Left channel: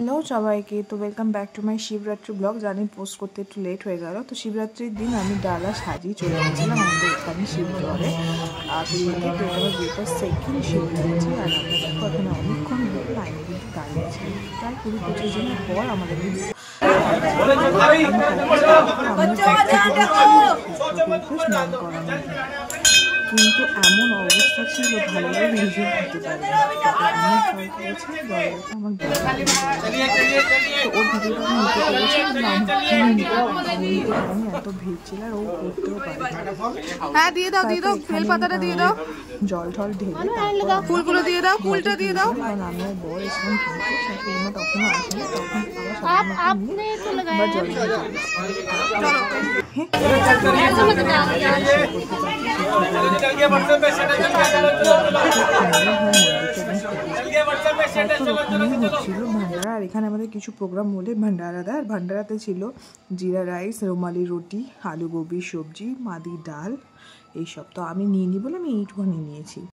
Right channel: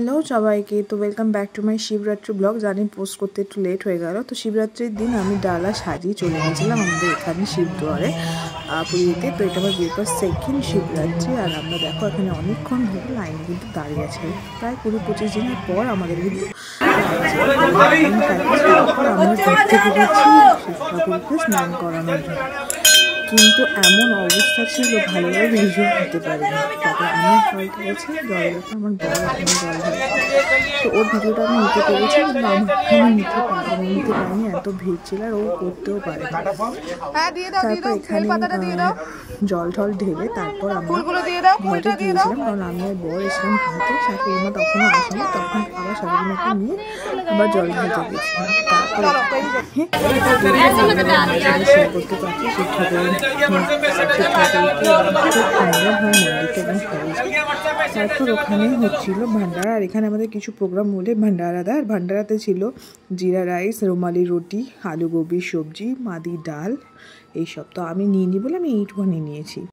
Hello সবাইকে, তো welcome back to my Shivratri blog. জানি পোস্ট করতে একটু লেট হয়ে গেল। তো শিবরাত্রির দিন আমি ডালা সাজিয়ে চলে গেছিলাম আমাদের এখানে শিবদুয়ারে পুরীতে। তো এটা আমার বিয়ের সেকেন্ড শিবরাত্রি। আর আমরা দেখো এখানে অনেকক্ষণ ধরে লাইনে কিন্তু দাঁড়িয়ে আছে। প্রায় 20-25 দিনের পর আমাদের কিন্তু আমরা ঘুরতে পেরেছি স্নান করানোর জন্য। কিন্তু এমন অবস্থা ছিল ভালোভাবে ভিডিও নিতে পারিনি। তারপর আমার ভয় গেছে জলে, আমার বড় জল তো ওর ভিডিওটা আমি নিতে পেরেছি, কিন্তু আমার নিতে পারিনি, এত ভিড় ছিল আর ও করতেও পারেনি। তারপর এখানে জল ঢল ঢেলে তারপর আমরা ঘরে গিয়েছিলাম, কারণ আমি আর বর এসেছিলাম ঘুরতে। শাশুড়িমা তখনও আসেনি, তখন আবার শাশুড়িমাকে নিয়ে আবার জল ঢেলতে গেছিলাম। তারপর ওখানে হচ্ছিল ভান্ডারা। আর এখানে আমাদের কিছু প্রোগ্রাম হলে ভান্ডারা দেয়। আর ভান্ডারাতে ছিল জিরা রাইস, রুমালি রুটি, আলু গোবির সবজি, মাদি ডাল, এইসব। তো আমি নিয়ে বলে আমি এইটুখানি নিয়েছি।